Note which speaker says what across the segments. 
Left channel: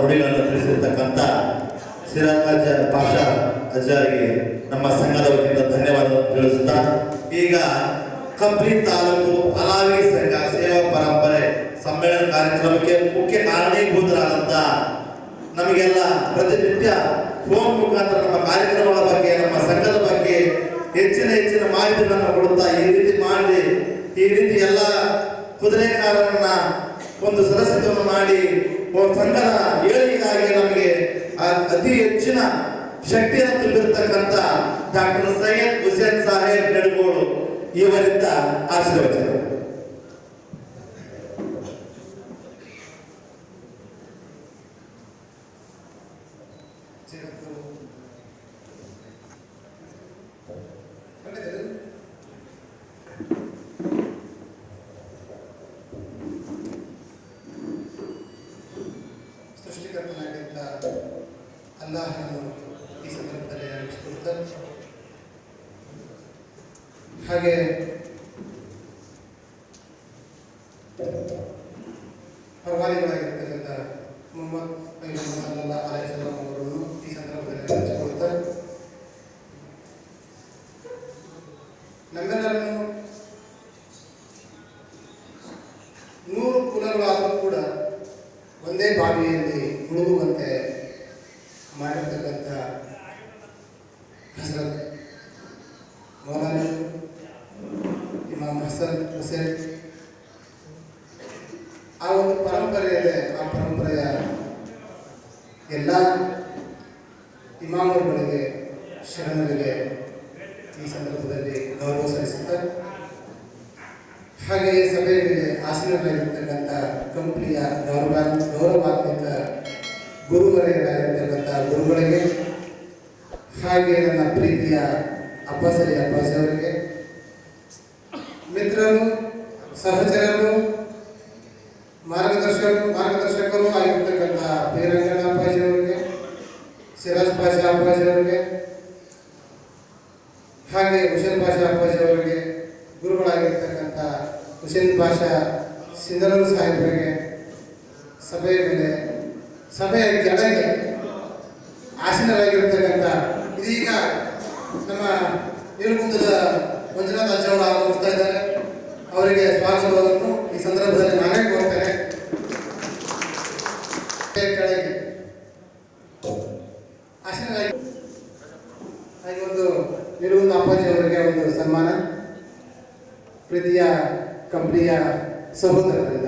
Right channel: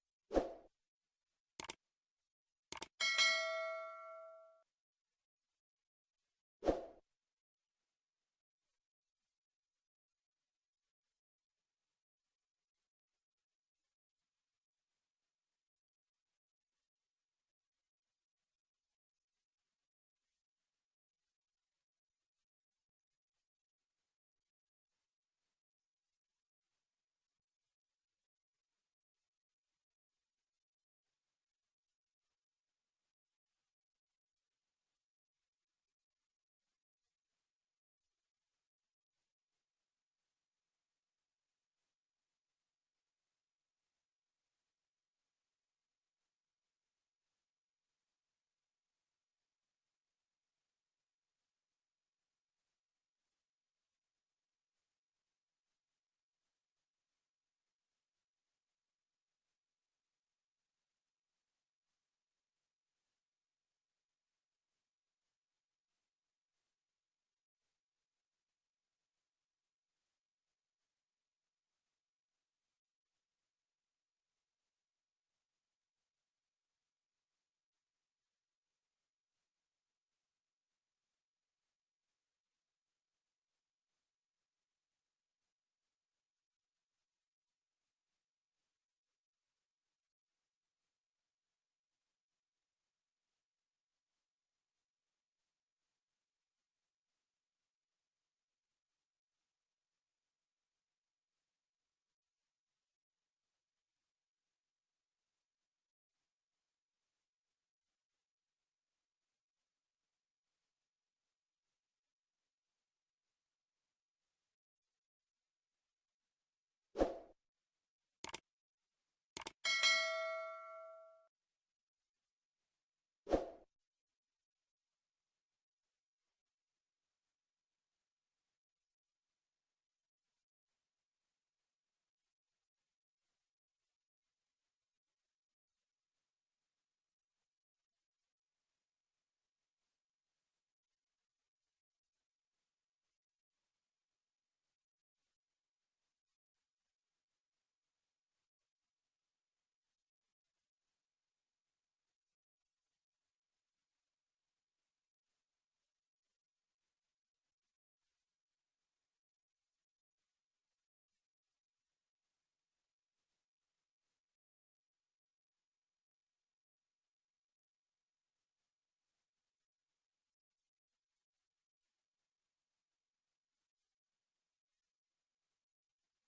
Speaker 1: ನುಡಿಗಳನ್ನು ತಿಳಿಸಿರ್ತಕ್ಕಂಥ ಸಿರಾಜ್ ಪಾಷಾ ಅಜ್ಜಾರಿಗೆ ನಮ್ಮ ಸಂಘದ ವತಿಯಿಂದ ಧನ್ಯವಾದ ತಿಳಿಸುತ್ತಾ, ಈಗ ಕಂಪ್ಲಿ ತಾಲೂಕು ಅಲಾವಿ ಸಂಘ ಸೇವಾ ಪರಂಪರೆ ಸಮ್ಮೇಳನ ಕಾರ್ಯಕ್ರಮಕ್ಕೆ ಮುಖ್ಯ ಕಾರಣೀಭೂತರಾದಂಥ ನಮಗೆಲ್ಲ ಪ್ರತಿನಿತ್ಯ ಫೋನ್ ಮುಖಾಂತರ ನಮ್ಮ ಕಾರ್ಯಕ್ರಮಗಳ ಬಗ್ಗೆ, ನಮ್ಮ ಸಂಘದ ಬಗ್ಗೆ ಹೆಚ್ಚಿನ ಹೆಚ್ಚಿನ ಮಾಹಿತಿಗಳನ್ನು ಕೊಡುತ್ತಾ ಈ ರೀತಿ ಮಾಡಿ, ಈ ರೀತಿ ಎಲ್ಲ ಕುದುರೆಕಾರರನ್ನ ಒಂದು ಸದಸ್ಯತ್ವವನ್ನು ಮಾಡಿ ಸಂಘದ ಅತಿ ಹೆಚ್ಚಿನ ಶಕ್ತಿಯನ್ನು ತುಂಬಿರತಕ್ಕಂಥ ಡಾಕ್ಟರ್ ಸೈಯದ್ ಹುಸೇನ್ ಸಾಹೇಬ್ ನೆಡಗೋಳು ಇವರಿಂದ ಆಶೀರ್ವಚನ.
Speaker 2: ಅಲ್ಲಾಹನನ್ನು ಈ ಸಂದರ್ಭದಲ್ಲಿ ಹಾಗೆ accident ನನ್ನ ಪ್ರೀತಿಯ ಅಬ್ಬಾಸರಿ ಅಬ್ಬಾಸಿ ಅವರಿಗೆ ಮಿತ್ರರು, ಸಹಚರರು ಮಾರ್ಗದರ್ಶಕರು ಮಾರ್ಗದರ್ಶಕರು ಆಗಿರ್ತಕ್ಕಂಥ ಬೀರಂಗಣ್ಣ ಅಪ್ಪಾಜಿ ಅವರಿಗೆ ಸಿರಾಜ್ ಪಾಷಾ ಅಪ್ಪಾಜಿ ಅವರಿಗೆ ಹಾಗೆ ಹುಸೇನ್ ಪಾಷಾ ಅಪ್ಪಾಜಿ ಅವರಿಗೆ ಗುರುಗಳಾಗಿರ್ತಕ್ಕಂಥ ಹುಸೇನ್ ಪಾಷಾ ಸಿಂಧನೂರು ಸಾಹೇಬರಿಗೆ ಸಭೆಯ ಮೇಲೆ, ಸಭೆಯ ಕೆಳಗೆ ಆಸೀನರಾಗಿರ್ತಕ್ಕಂಥ ಇದೀಗ ನಮ್ಮ ನೀರುಗುಂದದ ಮಂಜುನಾಥ ಅಜ್ಜವರು ಆಗಮಿಸ್ತಾ ಇದ್ದಾರೆ. ಅವರಿಗೆ ಸ್ವಾಗತವನ್ನು ಈ ಸಂದರ್ಭದಲ್ಲಿ ನಾನೇ ಕೋರ್ತೇನೆ. ಕೆಳಗೆ. ಒಂದು ನಿರುಗುಂದ ಅಪ್ಪಾಜಿ ಅವರಿಗೆ ಒಂದು ಸನ್ಮಾನ. ಪ್ರೀತಿಯ, ಕಂಪನಿಯ ಸಹೋದರರಿಂದ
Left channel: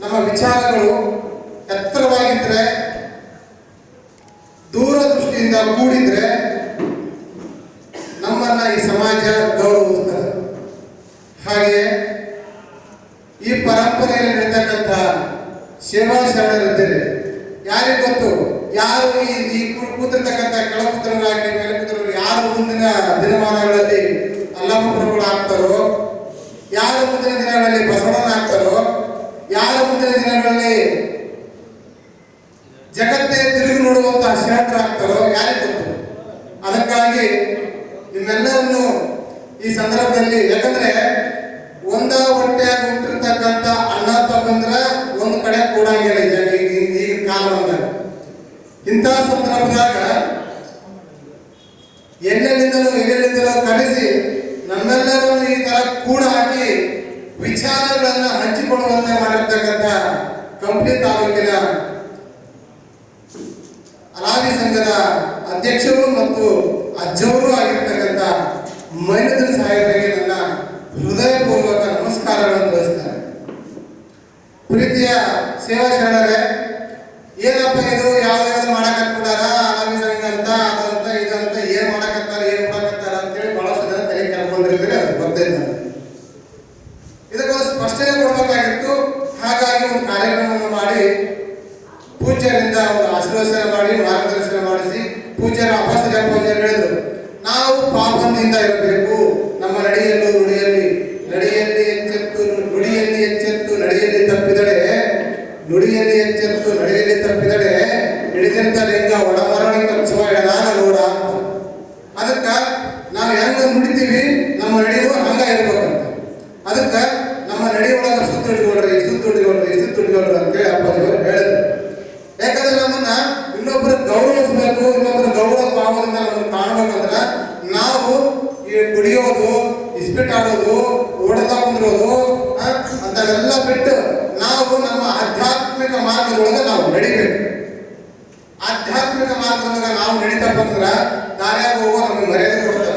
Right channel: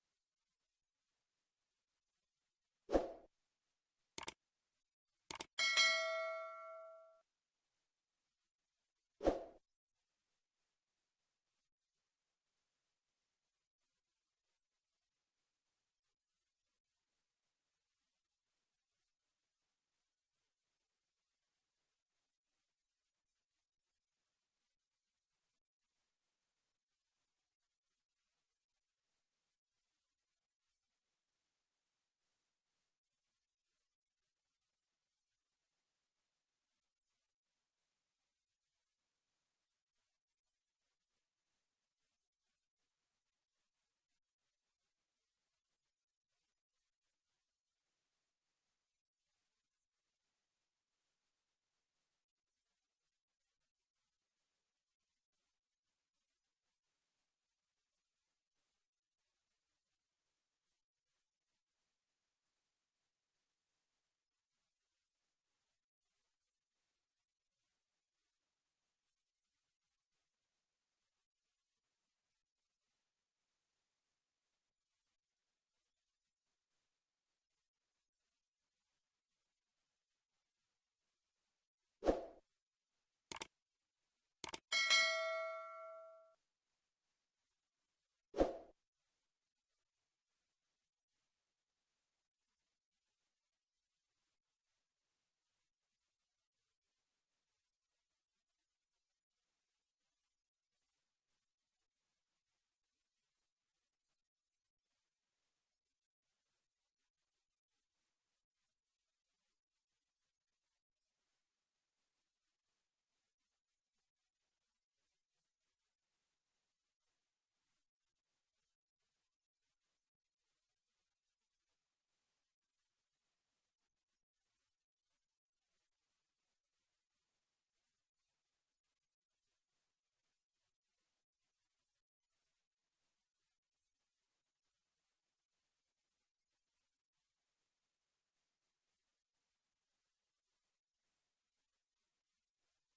Speaker 2: ನಮ್ಮ ವಿಚಾರಗಳು ಎತ್ತರವಾಗಿದ್ರೆ, ದೂರದೃಷ್ಟಿಯಿಂದ ಕೂಡಿದ್ರೆ ನಮ್ಮನ್ನ ಈ ಸಮಾಜ ಗೌರವಿಸ್ತದೆ. ಹಾಗೆ ಈ ಪರಂಪರೆಯಲ್ಲಿ ನಡೀತಕ್ಕಂಥ ಸೇವಾ ಶರಣರಿದ್ದೀರಿ ಯಾರಿಗೆ ಗೊತ್ತು? ಯಾರು ಈ ಕೂತಿರ್ತಕ್ಕಂಥ ಕೆಳ ಮೇಲೆ ಕೂತರು ಯಾರು ಮುಂದಿನ ದಿನಮಾನಗಳಲ್ಲಿ ಅಲ್ಲಮಪ್ರಭುಗಳು ಆಗ್ತಾರೋ ಯಾರು ಮುಂದಿನ ದಿನಗಳಲ್ಲಿ ಬಸವಣ್ಣ ಆಗ್ತಾರೋ ಯಾರು ಮುಂದಿನ ದಿನಗಳಲ್ಲಿ ಜಗತ್ತೇ ತಿರುಗಿ ನೋಡುವಂತಹ ಶರಣರಾಗ್ತಾರೋ ಯಾರೇ ಗೊತ್ತು. ಅದಕ್ಕಾಗಿ ನಿಮ್ಮೆಲ್ಲರನ್ನು ಈ ಸಂದರ್ಭದಲ್ಲಿ ಯಾಕಂದ್ರೆ ಸಂಘದ ಅಧ್ಯಕ್ಷರು ಮತ್ತು ಅಜ್ಜವರು ಆಗಿರ್ತಕ್ಕಂಥ ಮೈನದ ಸಾಹೇಬರಿಗೆ ನನ್ನ ಹೃದಯಪೂರ್ವಕ ನಮಸ್ಕಾರಗಳನ್ನು ತಿಳಿಸ್ತಾರೆ ಪ್ರೀತಿಯ ಸೇವಾ ಶರಣರೇ, ಏನಪ್ಪ ಇದು? ಯಾವ್ದು ಯಾವ್ದು ಮಾಡಕ್ ಹತ್ಬಿಟ್ಟಾರ ಅಲಾವಿ ಸಂಘ ಅಂತ ಅದಂತ ಇದಂತ ಪೂಜ್ಯರ ಅಪಾಸ ಪೂಜ್ಯರು ಹೇಳಿದ್ರು ನಾವು ಪಾಪದಿಂದ ಇರಬೇಕು ಒಂದು ಕಾಣ್ಬೇಕಂದ್ರ ನಾವು ಈ ಕುಡಿಯೋದು ಇಸ್ಪಿಟ್ ಆಡೋದು ಓಡದ ಕುಂದ್ರೋದು ಆ, ಅಂಥವೆಲ್ಲ ಬಿಟ್ಟು ನಾವು ನಮ್ಮ ಆಧ್ಯಾತ್ಮಿಕ ಮಾರ್ಗದೊಳಗೆ ನಾವು ನಡಿಬೇಕು ಆಧ್ಯಾತ್ಮಿಕ ಮಾರ್ಗದೊಳಗೆ ನಾವು ನಡೀತಪ್ಪ ಅಂದ್ರ ದಾರ್ಯಾಗ ಹೋಗೋ ನಮಗೆ ಮರ್ಯಾದೆ ಕೊಡ್ತಾರೆ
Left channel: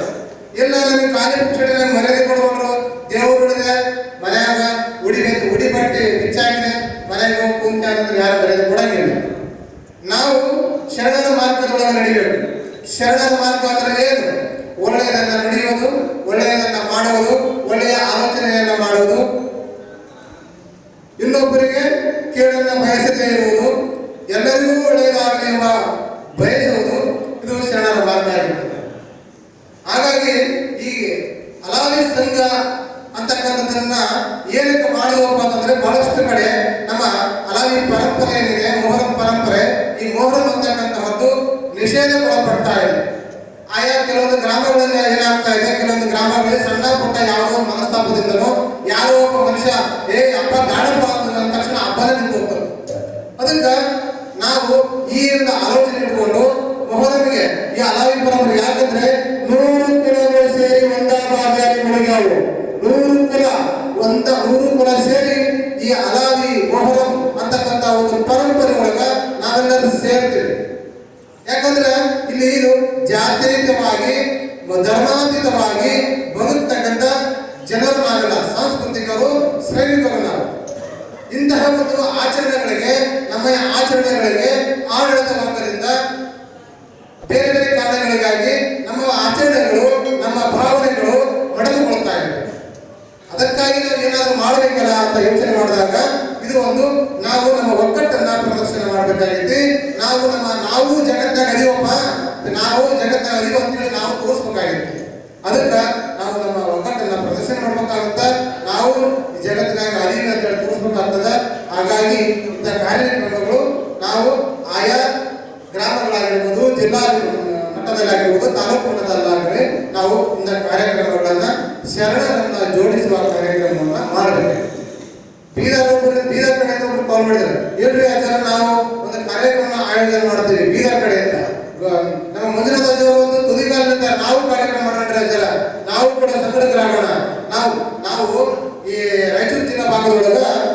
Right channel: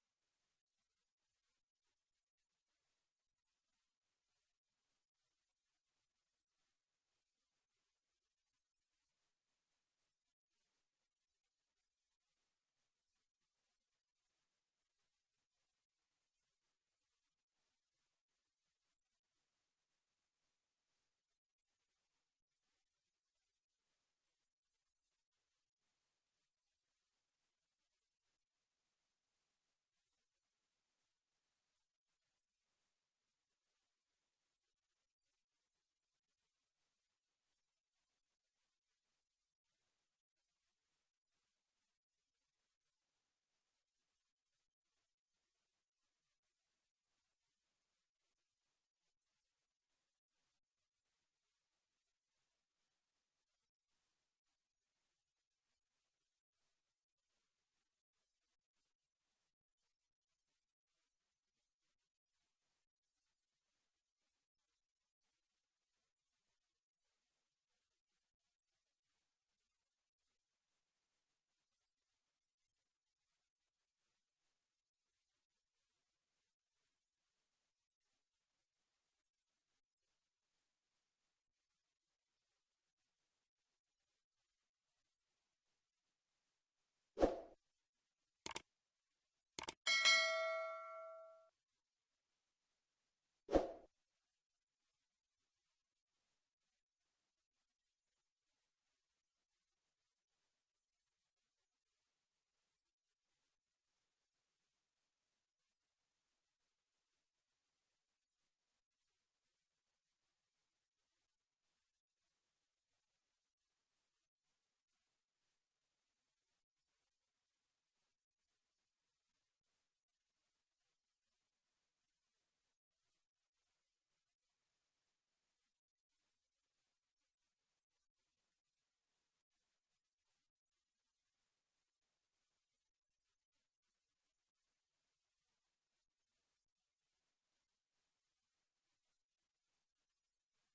Speaker 2: ಇಲ್ಲ ನಮಗೆ ಕಾಲಿ ಪುಕ್ಷಡಿಗೆ ಮರ್ಯಾದೆ ಕೊಡ್ಬಾರ್ದು ದೇವ್ರು ಹಿಡಿದೆ ಮನ್ಯಾಗ ಉಡಿಬೇಕು ಉಡಿ ಬಟ್ಟೆ ಬಿಚ್ಚಾಗಿದೆ ಮನೆಗೆ ಹೋಗಿ ಕುಂತ ಅಂದ್ರೆ ಯಾರು ಮರ್ಯಾದೆ ಕೊಡಂಗಿಲ್ಲ ನಾವು ಶರಣರ ಮಾರ್ಗದೊಳಗೆ ನಡಿಬೇಕು ಶರಣರ ಮಾರ್ಗ ಅಂದ್ರೆ ಏನು ಒಳ್ಳೆಯದನ್ನ ನುಡಿಯೋದು ಒಳ್ಳೆಯದನ್ನ ಮಾಡುವುದು ಒಳ್ಳೆಯ ಆಲೋಚನೆಯನ್ನ ಮಾಡುವುದು ಇನ್ನೊಬ್ಬರಿಗೆ ಕೇಳನ್ನ ಬಯಸದೇ ಇರುವುದು ಎಲ್ಲರಿಗೂ ಒಳ್ಳೆಯದಾಗಲಿ ಎಂಬ ಬಯಸುವುದು ಇದು ಶರಣರ ಮಾರ್ಗ ಆಗಿರ್ತದೆ ಹಾಗಾಗಿ ಈ ಅಲಾವಿ ಸಂಘ ಅಂತಕ್ಕಂಥದ್ದನ್ನ ಏನಕ್ಕೆ ಮಾಡಿದವಪ್ಪ ಅಂತಂದ್ರೆ ಬಹಳಷ್ಟು ಕಡೆ ನಮ್ಮ ಅಲಾವಿ ಪರಂಪರೆ ಏನಿದೆ ಮೊಹರಂ ಪರಂಪರೆ ಈ ಮೊಹರಂ ಅಂತಕ್ಕಂತಹದ್ದು ನಿಷೇಧಗೊಳಪಡ್ತಾ ಇದೆ ಆಯಾ ಕೆಲವೊಂದು ಗ್ರಾಮಗಳಲ್ಲಿ ಏನಾಗ್ತಾ ಇದೆ ಕೆಲವೊಂದು ಗ್ರಾಮಗಳಲ್ಲಿ ಸಣ್ಣ ಪುಟ್ಟ ಯಾವುದೋ ಒಂದು ಮನಸ್ತಾಪದಿಂದನೋ ಯಾರೋ ಒಬ್ಬ ಮನುಷ್ಯ, ಏ, ಅಪ್ಪ ಗಾಡಪ್ಪ ಅಂದ ತಕ್ಷಣ ಹಬ್ಬನೇ ನಿಂತು ಹೋಗ್ತಾನೆ. ಅದಕ್ಕೆ ನಾವು ಈ ಒಂದು ಆಲೋಚನೆ ಇಟ್ಕೊಂಡು ಮೊಹರಮಿಗೆ ಈ ಅಲಾವಿ ಪರಂಪರೆ ಯಾಕಂದ್ರೆ ನೂರು ಕುಲಗಳು ಸೇರಿ ಒಂದಾಗಿ ಮುಳುಗ್ಯಾವು. ನೂರು ಕುಲ, ಒಂದ ನೂರು ಕುಲ ಸೇರಿ ಈ ಅಲಾವಿ ಮೊಹರಂ ಅಂತಕ್ಕಂಥ ಒಂದು ಪರಂಪರೆ ಒಳಗ ನಾವೆಲ್ಲರೂ ಸೇರ್ತೀವಿ. ಯಾಕಂದ್ರೆ ಇಲ್ಲಿ ಇದು ಜಾತ್ಯತೀತವಾಗಿ, ಧರ್ಮಾತೀತವಾಗಿ ಬರುತ್ತಕ್ಕಂಥ ಜನರು ಶ್ರಮಿಕರು ನಾವು ಇಂತಹ ಒಂದು ಆಚರಣೆಗಳಿಗೆ, ನಮ್ಮ ಆಚರಣೆಗಳಿಗೆ ಆಡಳಿತ ವರ್ಗದಿಂದ ಬೇರೆ ಬೇರೆ ಕಾರಣಗಳಿಗಾಗಿ ನಮ್ಮ ಆಚರಣೆಗಳು, ನಮ್ಮ ಭಾವನೆಗಳು ಒಡೆದುಕೊಳ್ತಾ ಇವೆ. ಅದಕ್ಕಾಗಿ ನಾವು ಏನಾದರೂ ಮಾಡಬೇಕಲ್ಲ ಅಂತ ಯೋಚನೆ ಮಾಡಿದಾಗ ಇದು ಒಂದು ನಾವು ನಮ್ಮ ಒಕ್ಕಟ್ಟನ್ನ ಪ್ರದರ್ಶನ ಮಾಡಬೇಕಾಗಿತ್ತು. ஆகிறது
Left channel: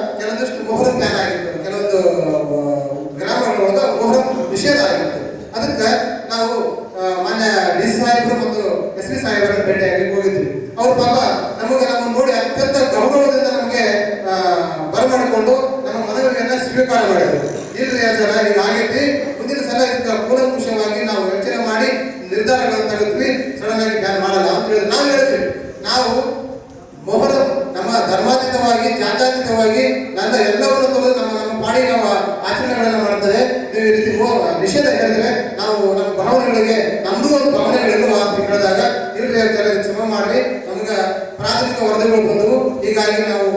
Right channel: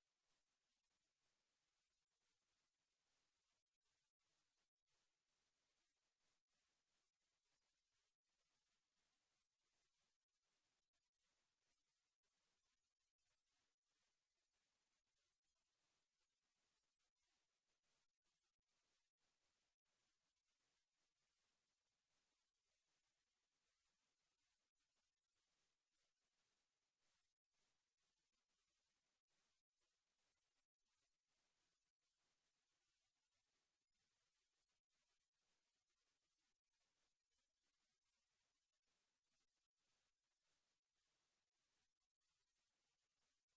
Speaker 2: ಹೇಳಿದ್ರೆ ನಾವು ನಮ್ಮ ಭಾವನೆಗಳಿಗೆ, ನಮ್ದು ಒಂದು ಭಾವನೆಗಳಿರುವ ಅಂತ ಹೇಳಿದಾಗ, ಇಲ್ರಿ ಹೇಳ್ತಾರೆ ಹೇಳಿ ಕ್ಷಮ ಮಾಡ್ರಿ, ನಮ್ಗೆ ಪ್ರಾಥಮಿಕ ವರದಿಗಳು ಬಂದವು. ಹೀಗಾಗಿ ನಾವು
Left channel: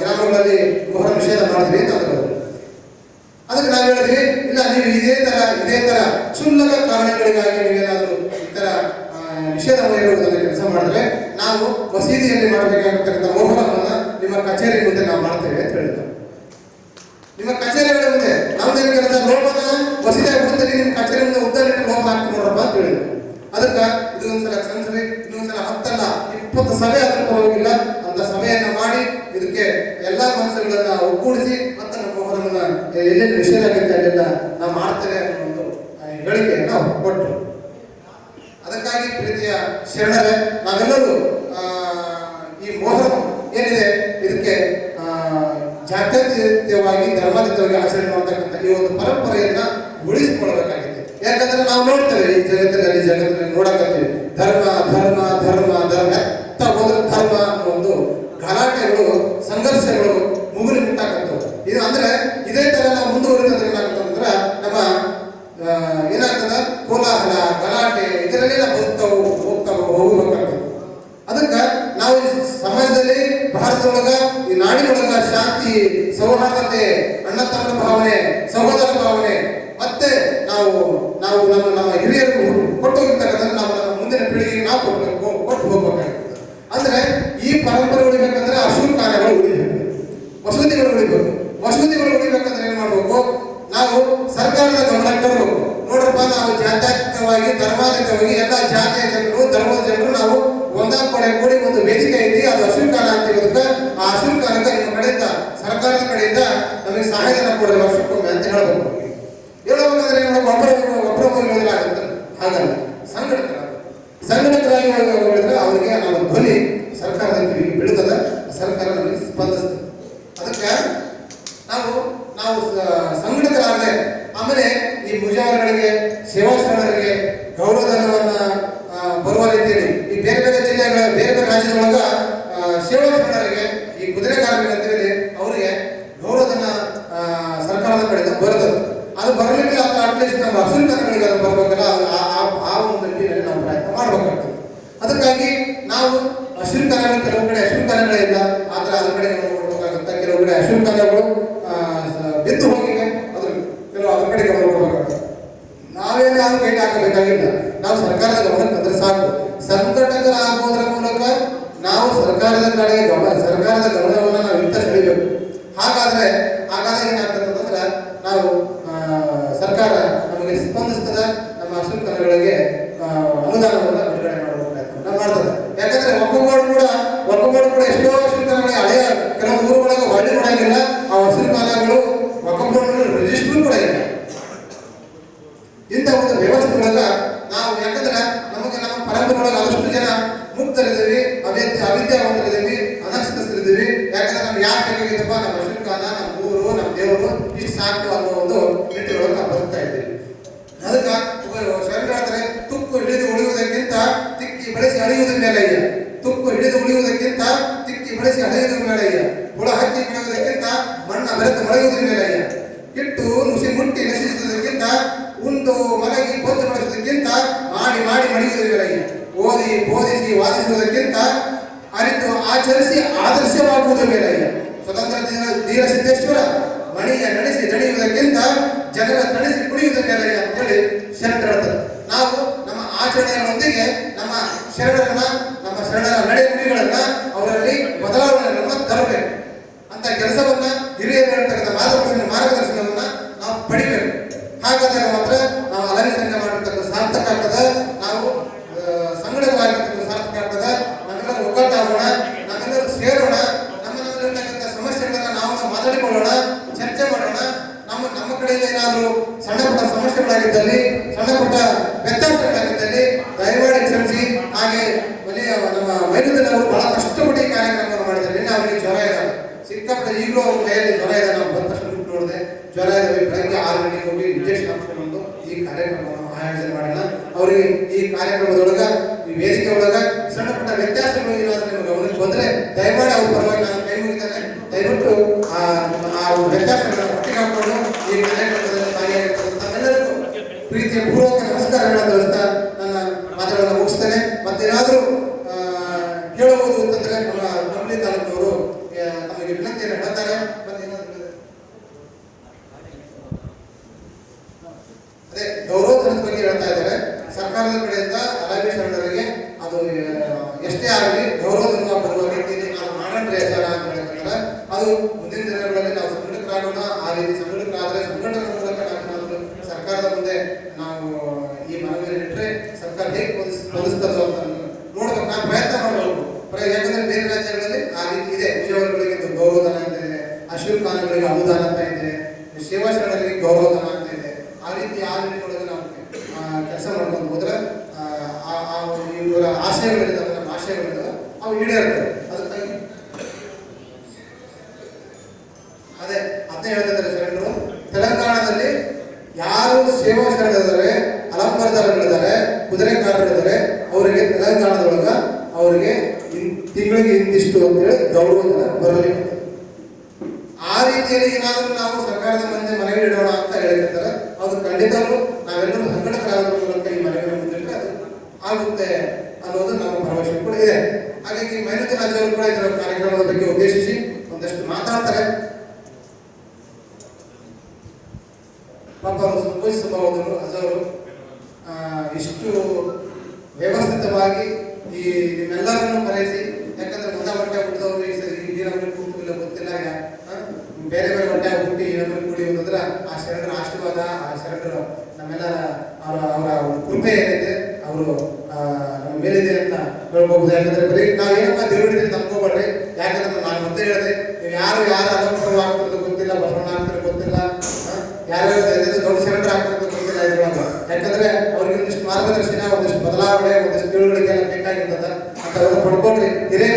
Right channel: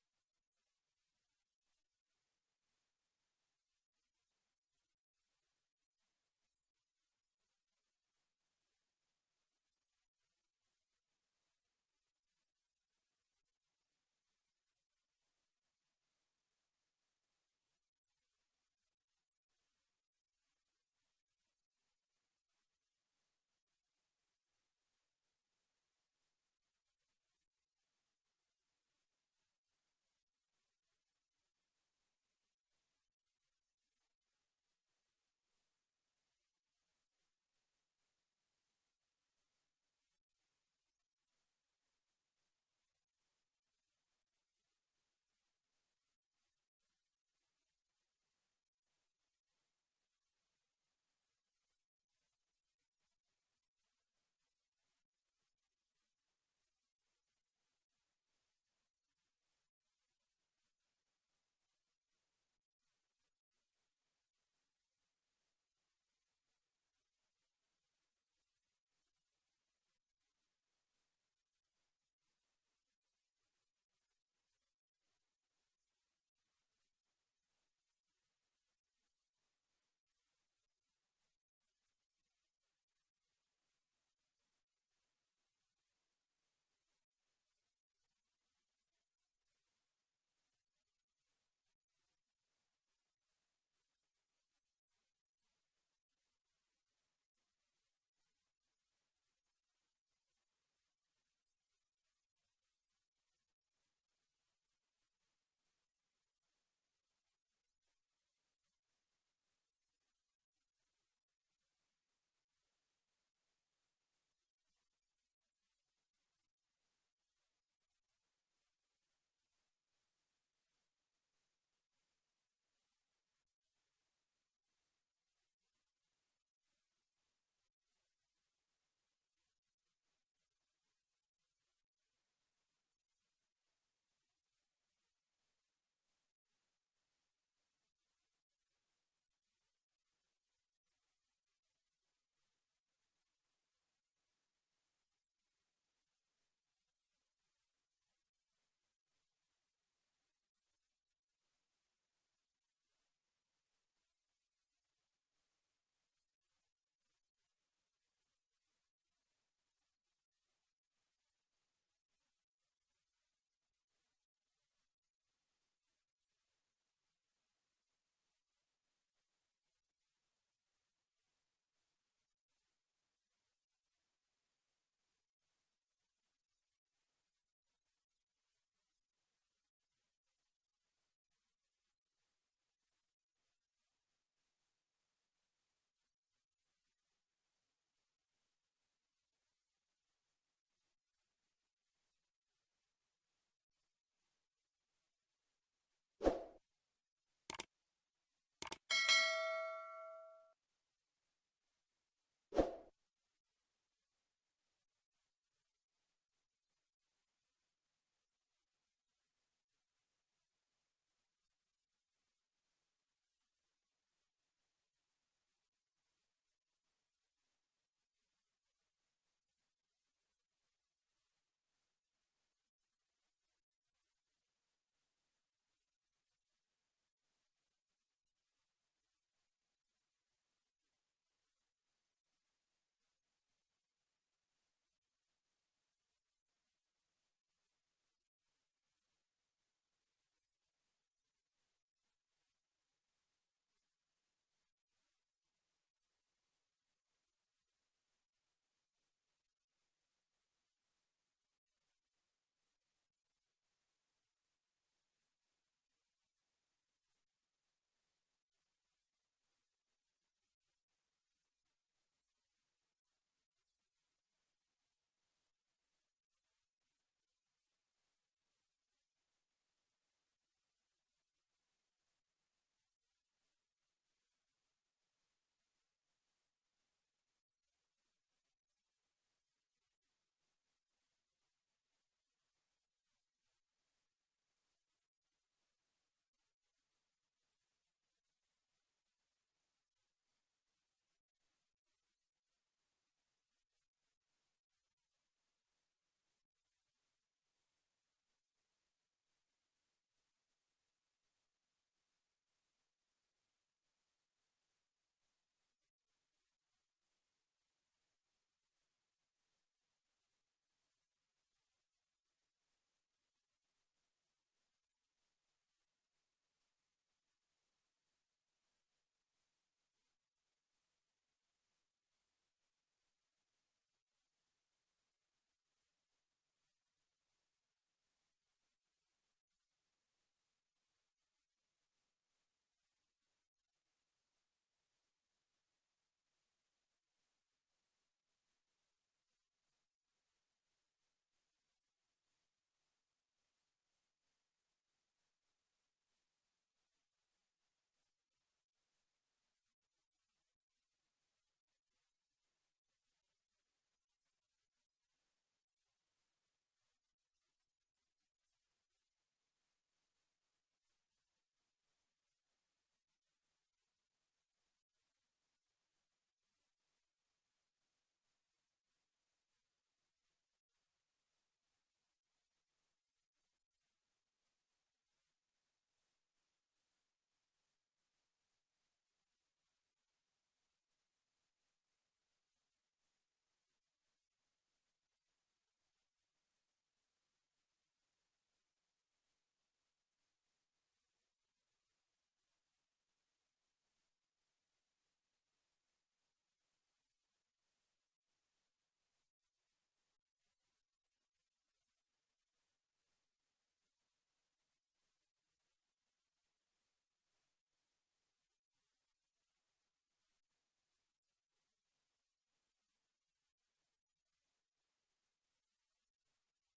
Speaker 2: ಗ್ರಾಮಗಳಲ್ಲಿ ಮೊಹರಂ ನಿಷೇಧ ಮಾಡಿದ್ವಿ ಅಂತ ಅದಕ್ಕೆ ನಾವು ಹೇಳಿದ್ವಿ ಇಲ್ಲ, ನೀವು ಇದೇ ತರ ಇದೇ ತರ ಕ್ಷುಲ್ಲಕ ಕಾರಣಗಳಿಗಾಗಿ ನೀವೇನಾದರೂ ಈ ತರ ನಿಷೇಧ ಮಾಡಿರುವುದನ್ನು ಕೆಲಸ ಮಾಡಿದ್ರೆ ನಾವು ಮಸೀದಿಯಲ್ಲಿ ಮಾಡಬೇಕಾಗಿರ್ತಕ್ಕಂಥ ಮೋಹನವನ್ನು ನಿಮ್ಮ ಕಚೇರಿ ಮುಂದೆ ನಾವು ಮಾಡ್ತೇವೆ ಅಂತ ಹೇಳಿದ್ರು. ನಿಮ್ಮ ಕಚೇರಿಗಳ ಮುಂದೆ ಅಂತ ಲೋಪನ ಮಸೀದಿ ಬಿಡ್ತೀರಿ ನಿಮ್ಮ ಕಚೇರಿಯಿಂದ ಮುಂದೆ ಉದ್ದಾರಿಟ್ಟು ಲೋಪ ಹಾಕ್ತಿ ನೋಡ್ರಪ್ಪ ಅಂತ ಹೇಳಿದ್ರು. ಅದಕ್ಕೆ ಇದು ಒಂದ್ಸಲ ಕ್ಷಮಿಸ್ರಿ, ಇನ್ನೊಂದ್ಸಲ ಹತ್ತಲ್ಲ, ಇಪ್ಪತ್ತು ಸಭೆ ಆದ್ರೂ ಪರವಾಗಿಲ್ಲ, ಅಂತ ಸಭೆಯನ್ನ ಮಾಡಿ ಇದಕ್ಕೆ ಎಲ್ಲಾ ಮನಸ್ಸುಗಳನ್ನ ಒಗ್ಗೂಡಿಸಿ ಮತ್ತೆ ನಮ್ಮ ಮೊಹರಮನ್ನ ಎಲ್ಲೆಲ್ಲಿ ನಿಷೇಧ ಆಗುತ್ತೆ ಅಲ್ಲೆಲ್ಲ ನಾವು ಮಾಡ್ತೇವೆ ಅನ್ನೋ ಒಂದು ಹೇಳಿಕೆಯನ್ನ ಕೊಟ್ಟರು ಅದಕ್ಕಾಗಿ ಪ್ರೀತಿಯ ಶರಣರೇ, ನಾವೆಲ್ಲರೂ ಆ, ಈ ಮೊಹರಂ ಏನಿದೆ ಇದಕ್ಕೆ ಆ, ಜಾತ್ಯತೀತವಾಗಿ ಧರ್ಮಾತೀತವಾಗಿ ಆಚರಣೆ ಮಾಡ್ತಕ್ಕಂಥ ಈ ಒಂದು ಪರಂಪರೆಯನ್ನ ಉಳಿಸಿಕೊಳ್ಳಬೇಕಾಗಿದೆ. ಯಾಕಂದ್ರೆ ನಾವು ನೋಡ್ತೇವೆ ಈ ಜಗತ್ತಿನಲ್ಲಿ ಜಗತ್ತಿನಲ್ಲಿ ನೋಡಕತ್ತೀವಿ. ಧರ್ಮ ಧರ್ಮ ಧರ್ಮ ಧರ್ಮ. సంఘటన సంఘటన సంఘటన ಸಿಕ್ಕಾಪಟ್ಟೆ ಈಗಲೂ ಅವ್ರ ಕೈಯಲ್ಲಿ ಜ್ವರ ಇದೆ ನಾವು ಬಂದ ತಕ್ಷಣ ದುಡ್ಡು ನೋಡಿದೆ, ಜ್ವರ ಇದೆ ಬೆಳಗ್ಗೆ ಆರು ಗಂಟೆಗೆ ಹೋಗಿ ಇಂಜೆಕ್ಷನ್ ಹಾಕ್ಸ್ಕೊಂಡು ಈ ಕಾರ್ಯಕ್ರಮವನ್ನು ಆಯೋಜನೆ ಮಾಡೋಣ ಅವರಿಗೆ ಈ ಕಾರ್ಯಕ್ರಮದೊಳಗ, ಈ ವೇದಿಕೆ ಒಳಗ ಸಣ್ಣಪುಟ್ಟ ವ್ಯತ್ಯಾಸಗಳು ಏನಾದ್ರೂ ನಿಮ್ಗೆ ಗಮನಕ್ಕೆ ಬಂದ್ರೆ ದಯಮಾಡಿ ಅವ್ರ ಪರವಾಗಿ ನಾನು ಕೈ ಮುಗಿತಾನೆ. ದಯವಿಟ್ಟು ಆ ವ್ಯತ್ಯಾಸಗಳನ್ನ ಒಟ್ಟಿಗೆ ಹಾಕೊಂಡು ಈ ಕಾರ್ಯಕ್ರಮದಲ್ಲಿ ಭಾಗಿಯಾಗಿರ್ತಕ್ಕಂಥ ಎಲ್ಲರಿಗೂ ಪ್ರೀತಿಯ ಪೂರ್ವಕ ನಮಸ್ಕಾರಗಳನ್ನು ತಿಳಿಸ್ತಾ Querétaro ನಮ್ಮೆಲ್ಲರ ಅವರ ಅವರ ಒಂದು ಕೃಪೆ ಏನಿದೆ, ಅವರು ನಮ್ಮ ಮೇಲಿದೆ ಅಂತ ಹೇಳ್ಬೋದು. ಯಾಕಂದ್ರೆ ಬರೀ ನಾವೇನಪ್ಪ ದೇವರಿಗೆ ನಂಬ್ಕೋಬೇಡ್ರಿ ಯಾಕಂದ್ರೆ ನಾನು ಮತ್ತೆ ಹೇಳಿದೆ, ನೀವು ಯಾರು ಯಾರು ಅಲಂಕಾರ ಆಗ್ತಿರೋದು ಗೊತ್ತಿಲ್ಲ, ಬಸವಣ್ಣ ಆಗ್ತಿರೋದು ಗೊತ್ತಿಲ್ಲ ಯಾರು ದೊಡ್ಡ ಸೆಂಟರ್ ಆಗ್ತಿರೋದು ಗೊತ್ತಿಲ್ಲ ಇದ್ರೊಳಗ. ಯಾಕಂದ್ರೆ ಅವ್ರಿಗೆ ಒಂದಿಷ್ಟು ಮಾರ್ಗದರ್ಶನ, ಒಂದಿಷ್ಟು ಬದಲಾವಣೆ, ಒಂದಿಷ್ಟು ತಿಳುವಳಿಕೆ ಎಲ್ಲ ಬೇಕಾಗಿರ್ತದ. ಅಂತ ಅವ್ರು
Speaker 1: ಪಡ್ಕೊಂಡ್ರಿ ಹಿರಿಯ